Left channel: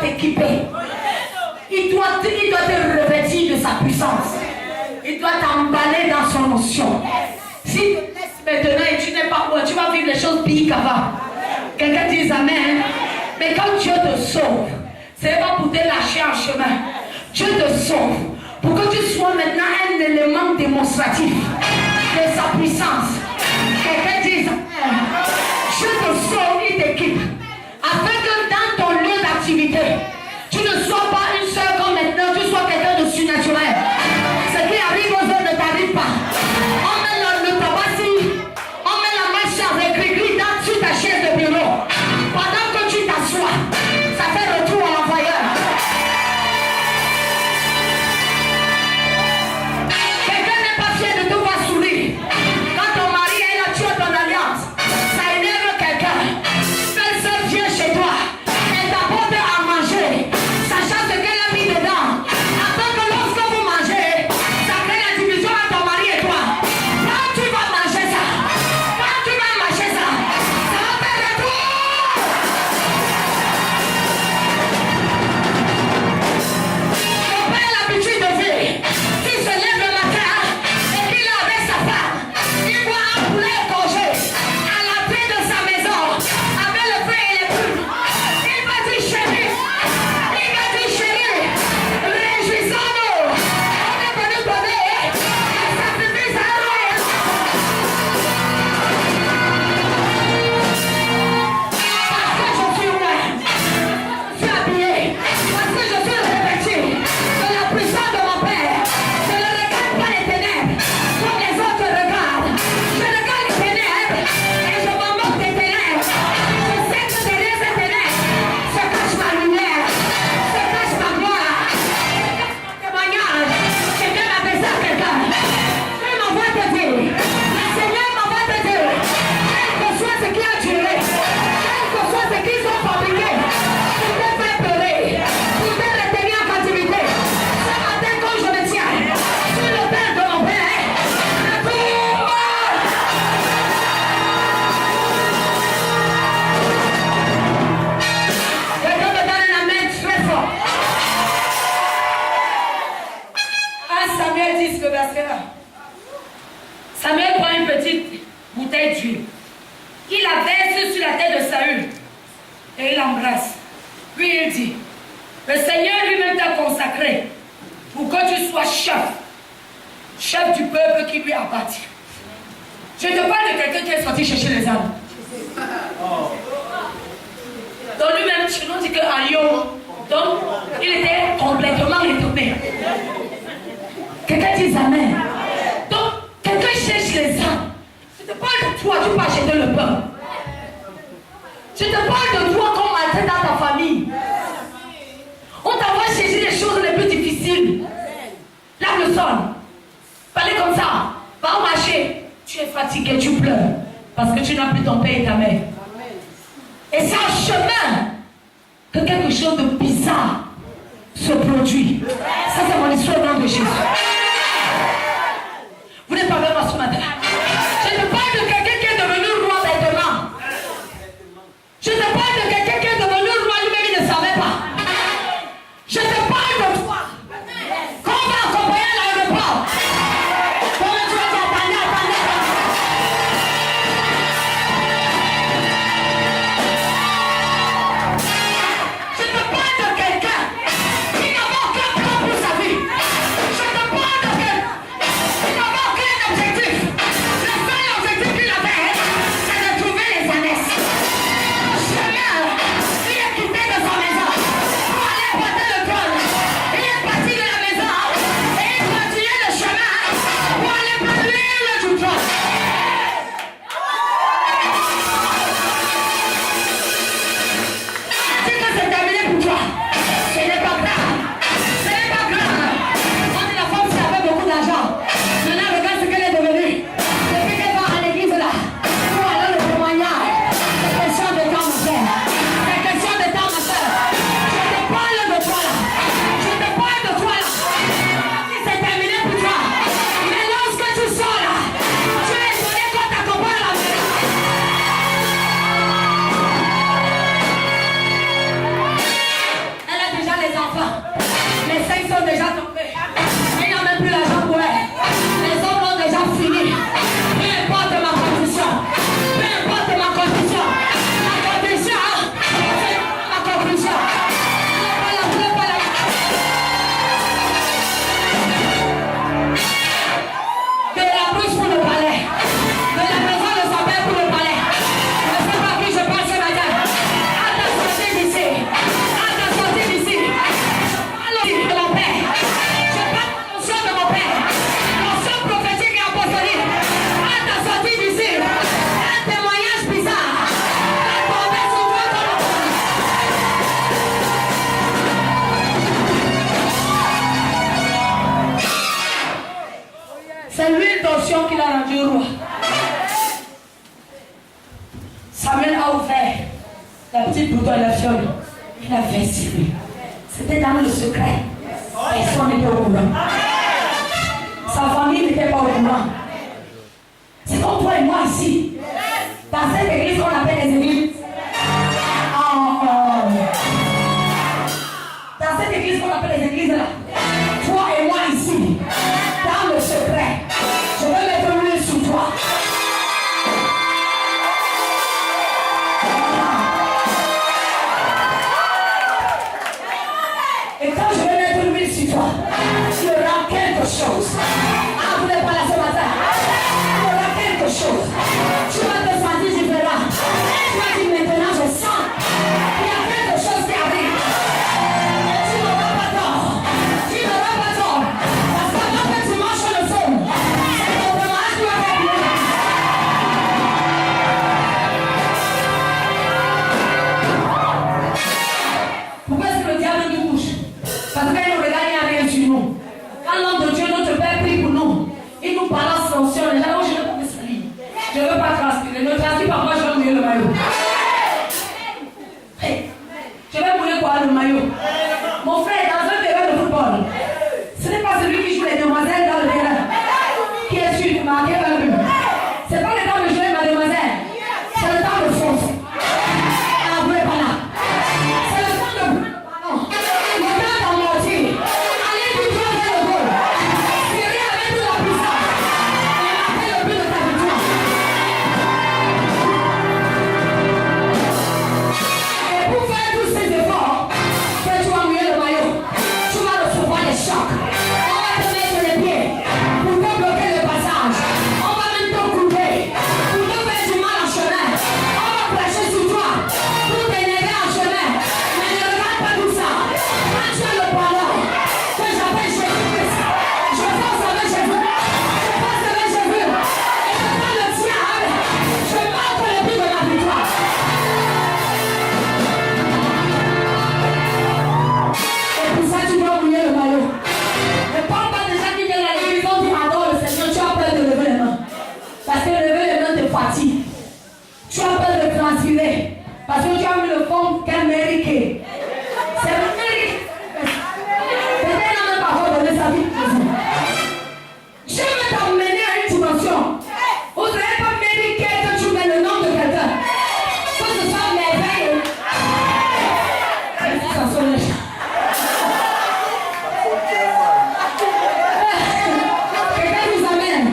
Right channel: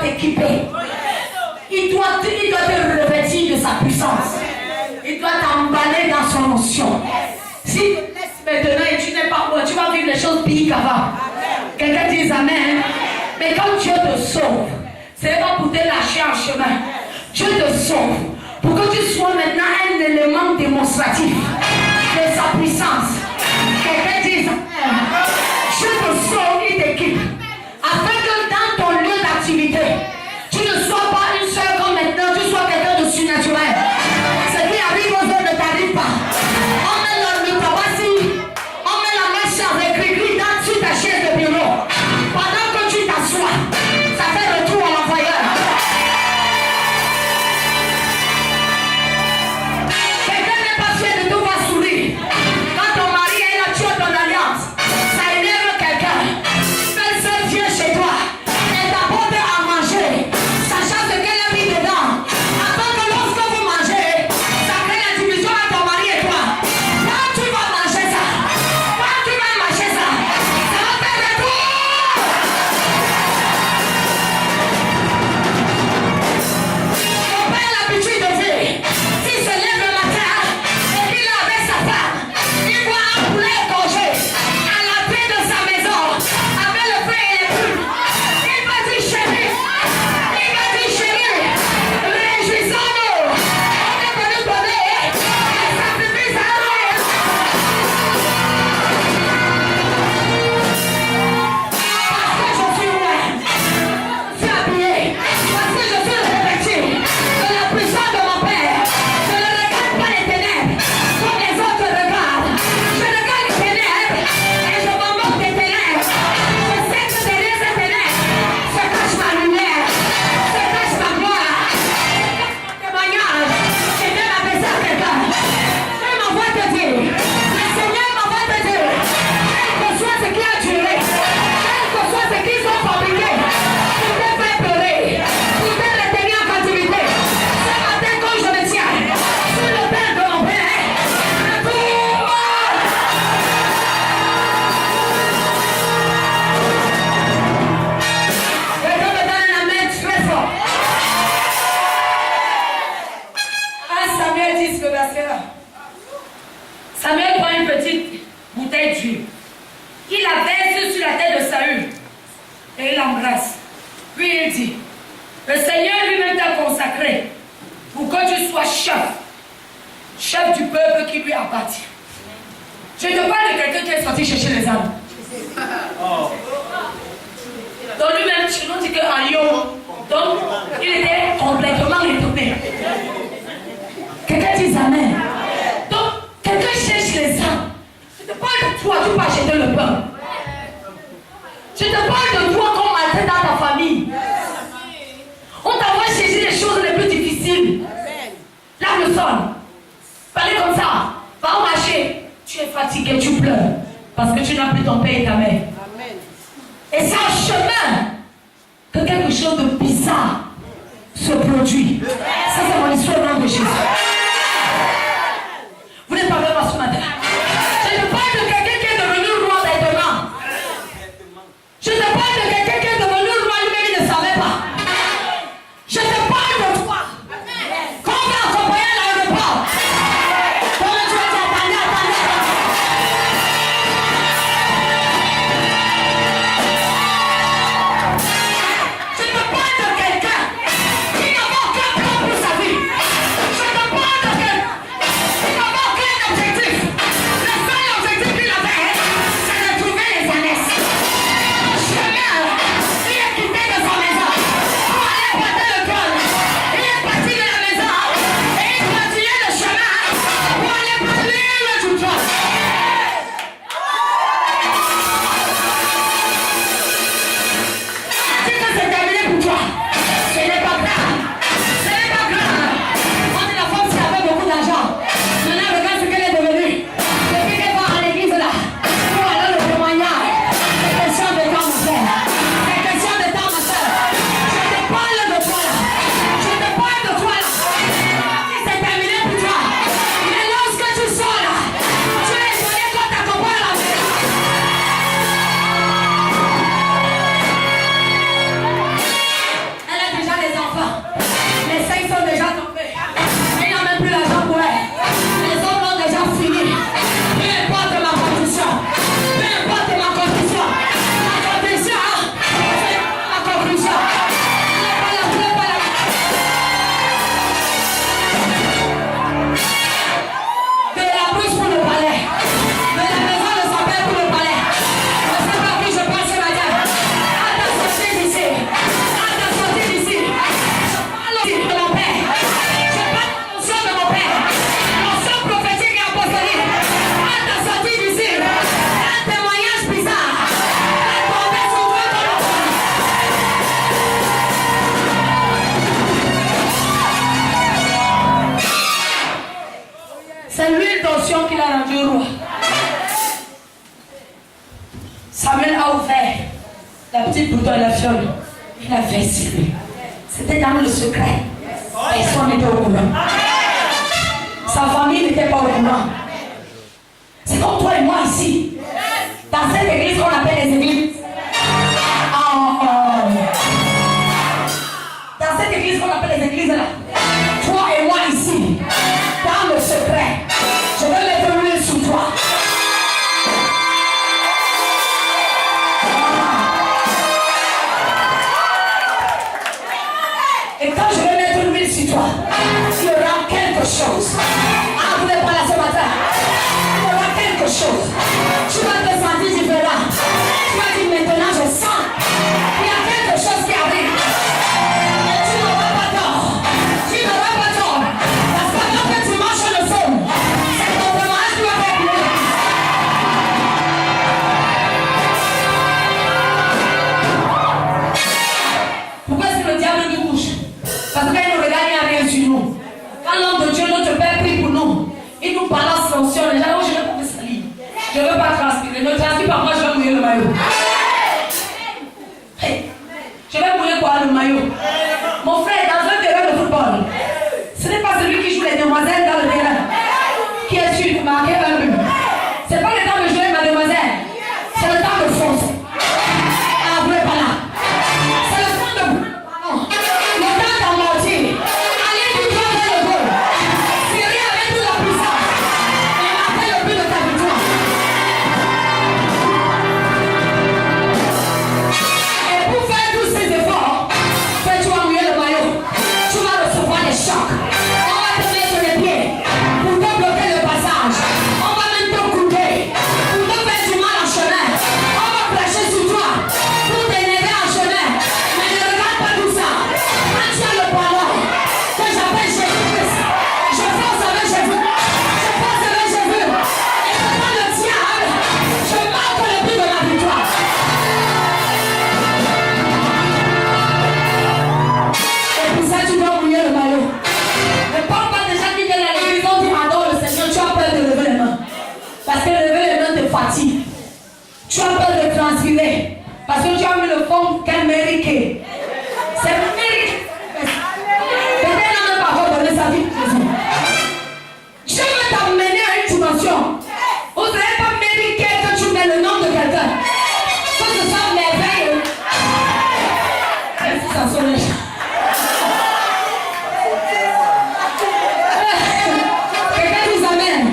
t'équiper. Il doit te revêtir de sa puissance. Il doit t'emballer dans son onction. Si tu te laisses maintenant et tu n'es pas bon, tu vas vivre les choses pires qu'avant. Quelqu'un dit Amen. Mais quand Dieu te sauve, ce n'est pas pour te lâcher en chemin. Dieu te sauve pour que tu sois maintenant un élément démonstratif de sa puissance. Quelqu'un dit Amen. Dieu te sauve, il t'équipe. Afin que dans ton lieu d'activité, tu ne sois pas une seule comme maintenant, tu sois quelqu'un de surnaturel. Ce qui arrive aux autres ne t'arrive pas. On met le tabac, on met la main sur avec gris sur ta chaise de bureau. Pendant que tu t'assois, ça fait retour à l'envoyeur. Quelqu'un n'est pas fier de te voir sourire. Quand ton mari est là, tu as ton alliance. Ça énerve quelqu'un. Belle soeur vient chez toi. Elle t'apporte à manger. Sachant ce qu'elle a mis dedans. Afin que lorsque vous mangez, ça crée la division entre ton mari et toi. Quand tu vas manger ça, ça va faire le tour. Mon père a l'habitude de vivre. S'il se lève le matin et qu'il est avec sa femme, il voit un poulet égorgé à l'entrée de sa maison avec le feu et les plumes. Il va dire chérie, réjouissons-nous. On est venu donner un sacrifice à Dieu. Parce que je suis loin, je suis habillé, parce que je suis revêtu de la puissance de mon Père. Je ne regarde pas les ténèbres comme les autres regardent. Je regarde les ténèbres et je me moque des ténèbres. Je sais que derrière ces ténèbres se cache ma lumière, se cache ma gloire, se cache mon témoignage. Quelqu'un m'a fait ça à quelqu'un. Dieu m'envoie te dire, le Seigneur m'envoie te dire, quel que soit ce qui a duré, quel que soit ce qu'ils ont fabriqué, pour te faire pleurer, pour te retenir en captivité. Ce matin, quand je me tiens sur le Père de mon Père, retourne. Quelqu'un me donne un amen très fort. 1 Samuel 10, le verset 1. Samuel prend une petite bouteille d'huile. Il la verse sur la tête de Saül et il l'embrasse. Puis il dit, le Seigneur lui-même t'a consacré pour que tu sois chef du peuple qui lui appartient. Je te parle de quelqu'un qui est sorti chercher les âmes. Donc lui-même, on dit que Ayo, donc il était complètement retourné. Quelqu'un dit Amen. Donc, quelqu'un cherche les âmes. Je te parle de toi, tu peux acheter le pain. Je te parle de toi comme matin dans ta famille. On t'envoie chercher les choses les plus difficiles. Lave le sol. Parlez comme ça. Va au marché. Tu es fatigué, tu pleures. Parce que tu n'as plus ton père et ta mère. Et c'est en chemin que quelque chose de bizarre se produit. Ça, c'est mon histoire au nom de Jésus. Vous n'êtes pas avec moi ce matin. Je te parle de quelqu'un qui est devenu roi maintenant. Je te parle de quelqu'un qui est devenu roi lui-même, il ne savait pas. Je te parle de toi. Quand on va accompagner à l'aéroport, comment tu vas dire attendez. Je te parle de quelqu'un qui n'a pas aucun plan pour sa vie. Je te parle l'onction qu'il a rendu roi. Samuel a ouvert la petite bouteille de la fiole. Il a versé. C'était dans le secret. Personne n'était au courant. Sa famille n'était pas au courant. C'est comme toi et moi ici. Dans cette église qu'on appelle les églises. Dans cette église qu'on appelle les églises là. Toi et moi ici. Dans le secret. Je vais mettre l'huile sur toi. Et quand je vais mettre l'huile sur toi, il y aura quelque chose. Ah, vous n'êtes pas là ce matin. Il y aura quelque chose. Tu vas te sentir différent. Tu vas dire maintenant je sens. Il y a quelque chose qui arrive. Tu n'auras pas tort. Tu n'auras pas tort. Parce que quand tu marches le feu, c'est ton démarrage qui va faire mieux. Pourquoi est-ce que le diable nous bouge? Parce qu'il nous regarde, il n'y a rien sur nous. Quand l'homme de Dieu, notre Père, prie pour nous, il nous balance l'onction. Les gens, je ne veux pas me salir. Je ne veux pas transpirer. Ne transpire pas, moi je vais mouiller le maillot. Hey. Je vais mouiller quoi le maillot? Mon frère, dans un terrain de football, ce n'est pas celui qui joue les demoiselles dans le terrain qui est sûr de marquer un but. Ce n'est pas le temps de jouer ma demoiselle. C'est le temps de foncer. Ah, vous n'êtes pas là. C'est le temps de ballon. Le temps d'amortir. Allez, tu dois faire le goal. Syrie avec toute la puissance. Et marquez le but de ta victoire. Et pour faire tous ces efforts, tu vas mouiller le maillot. Tu vas recevoir des chocs. On va te mettre les pieds pour te bloquer le passage. On va même te couper pour te faire du mal en chemin. On va prêcher sur toi pour t'énerver en chemin. Mais ne regarde pas tout ça. Quand tu as le ballon que j'appelle Jésus-Christ, je pense avec Jésus. Je pense avec Jésus. Et je prends le diable. Je marque le but de la victoire. Et pour ça, tu dois mouiller le maillot. Ne parle pas des gens qui viennent à l'église, on dit adore le Seigneur, tu as peur de lever les mains. Parce que lever les mains te fatigue. Tu as peur de transpirer. Parce que tu as mis le fond qu'elle mérite. C'est le mérite. Peut-être n'a même pas encore donné sa vie pour Jésus. Je veux t'emmener à une dimension. Vous n'avez pas mérité que tu mets le nom de quelqu'un. Que ce soit merveilleux. Même si ça sonne les gens. Quelqu'un nous amène.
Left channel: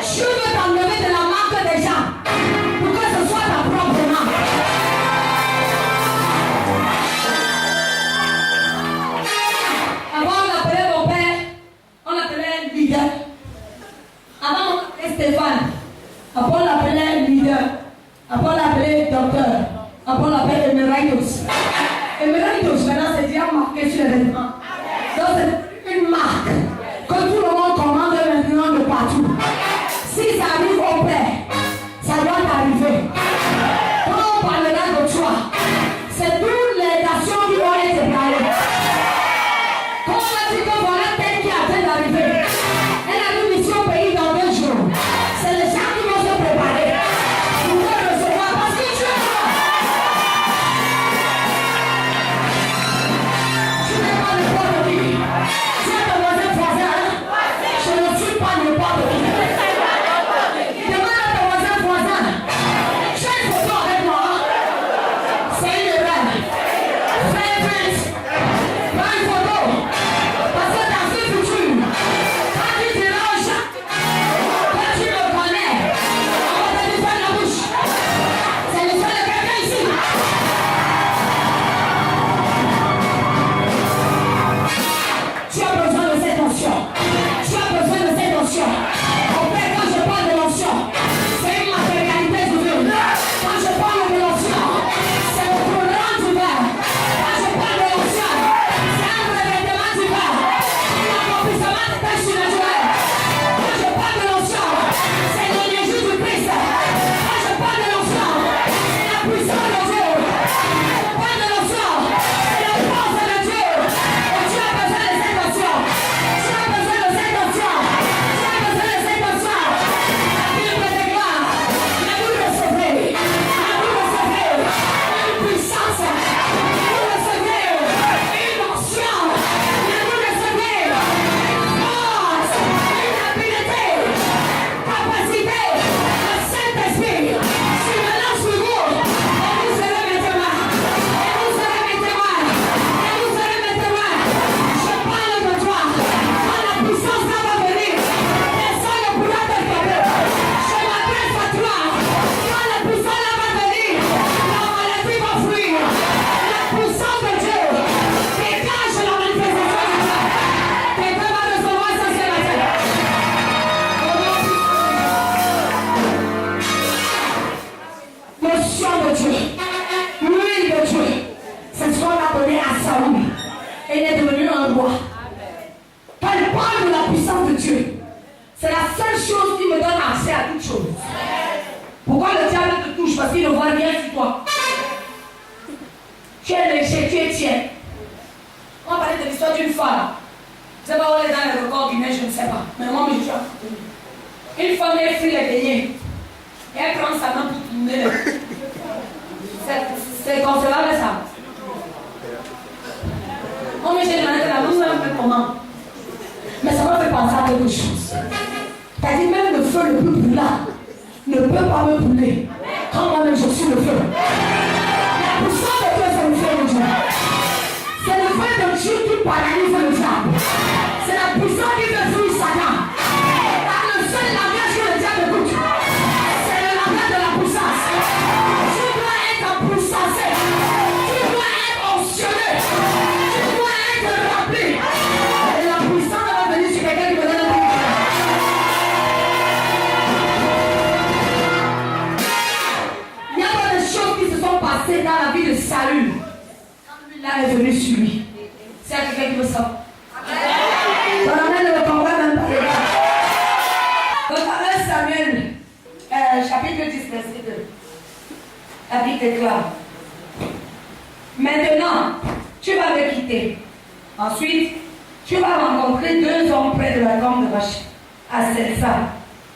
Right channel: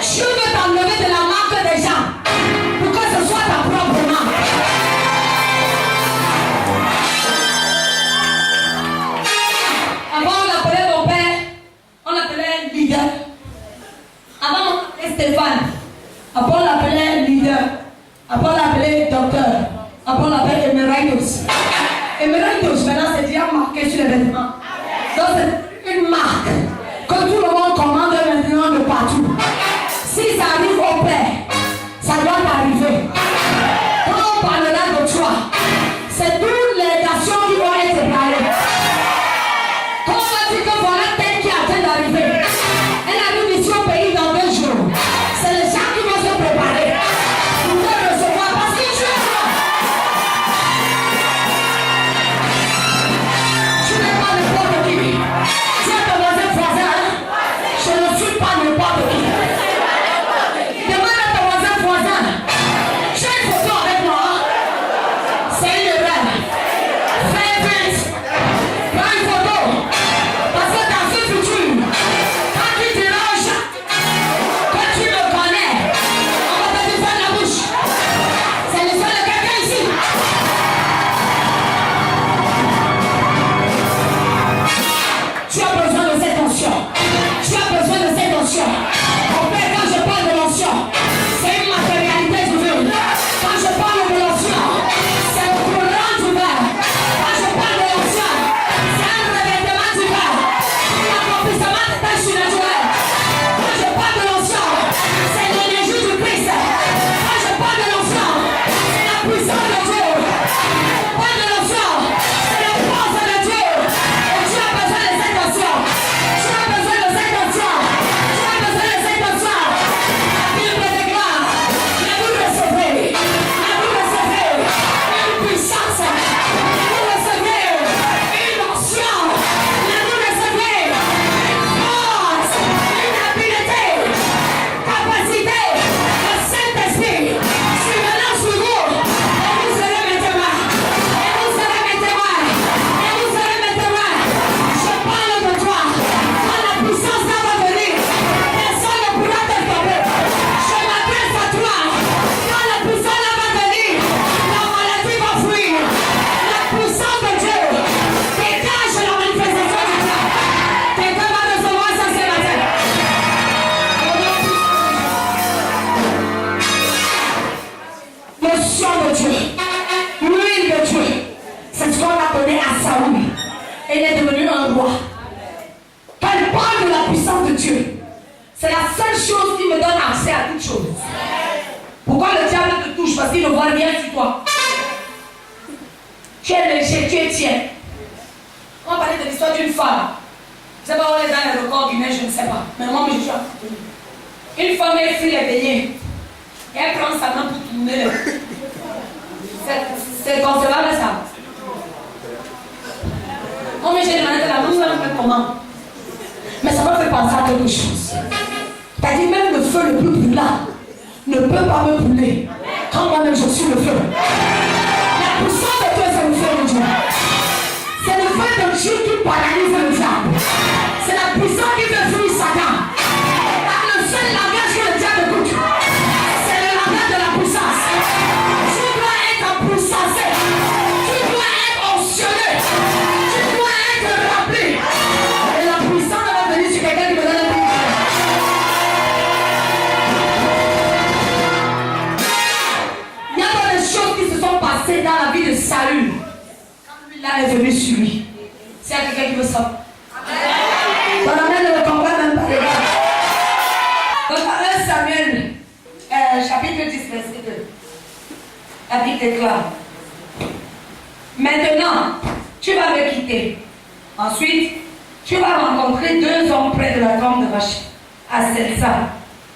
Je veux t'enlever de la marque des gens pour que ce soit ta propre marque. Avant on appelait mon père, on l'appelait leader. Avant on appelait Stéphane. Après on l'appelait leader. Après on l'appelait docteur. Après on l'appelait Emeritus. Emeritus maintenant c'est déjà marqué sur les vêtements. Donc c'est une marque que tout le monde commande maintenant de partout. Si ça arrive au Père, ça doit t'arriver. Quand on parlera de toi, c'est toutes les nations qui vont être séparées. Quand on va dire que voilà tel qui est en train d'arriver, elle arrive ici au pays dans 2 jours. C'est les gens qui vont se préparer pour te recevoir parce que tu es roi. Tu n'es pas n'importe qui. a donné à Saoul. Et il est devenu un roi. Quand il parle de la puissance de Dieu, c'est la seule chose qui me donne accès à toute chose. Pourquoi le diable te touche? Parce qu'il ne voit rien sur toi. Tu es léger, tu es tiers. On parlait de l'histoire d'une femme. Je ne sais pas où elle est dans les records guinéens, je ne sais pas. Mais moi, je suis à une femme est frit les beignets. Et elle prend sa main pour tourner. C'est concevable ça. Moi, j'ai demandé la main, ça me fait comment? Mais ça m'a fait penser à quelque chose. C'est-à-dire même le feu le plus brûlant ne peut pas me brûler. Quand moi-même je suis le feu. La puissance de Dieu, c'est le feu de Dieu. C'est le feu de Dieu qui paralyse le diable. C'est la puissance qui fait fuir Satan. Car le seul langage que le diable écoute, c'est le langage de la puissance. Tu dois être puissancé. Tu dois être onction. Tu dois être rempli. Et la puissance va venir sur quelqu'un qui me donne un peu. Il y a pas de choses qui se sont passées dans la vie de Saül. Là est venu sur lui. C'est à quelqu'un qui veut ça. Ton amen ne le comprend même pas. Donc, 1 Samuel, chapitre 10, verset 2. La Bible déclare: maintenant, tu vas me quitter. Ensuite, tu vas rencontrer 2 hommes près de la tombe de Rachel, à Selsa,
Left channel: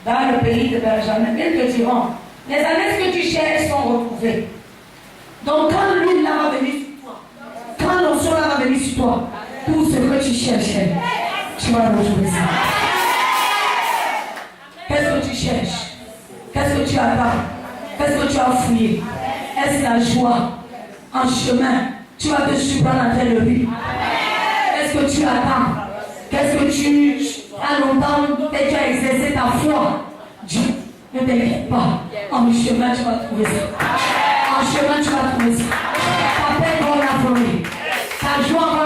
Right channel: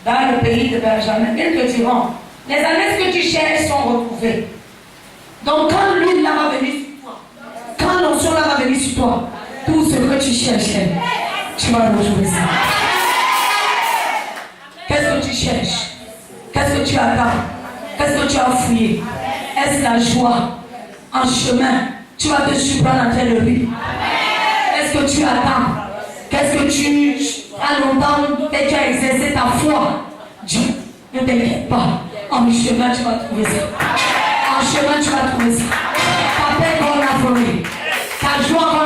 dans le pays de Benjamin. Ils te diront: les ânesses que tu cherches sont retrouvées. Donc, quand l'huile là va venir sur toi, quand l'onction là va venir sur toi, tout ce que tu cherchais, tu vas retrouver ça. Qu'est-ce que tu cherches? Qu'est-ce que tu attends? Qu'est-ce que tu as fouillé? Est-ce la joie en chemin? Tu vas te surprendre en train de rire. Qu'est-ce que tu attends? Qu'est-ce que tu as longtemps et tu as exercé ta foi? Dieu, ne t'inquiète pas. En chemin, tu vas trouver ça. En chemin, tu vas trouver ça. Ta paix va la forêt. Ta joie va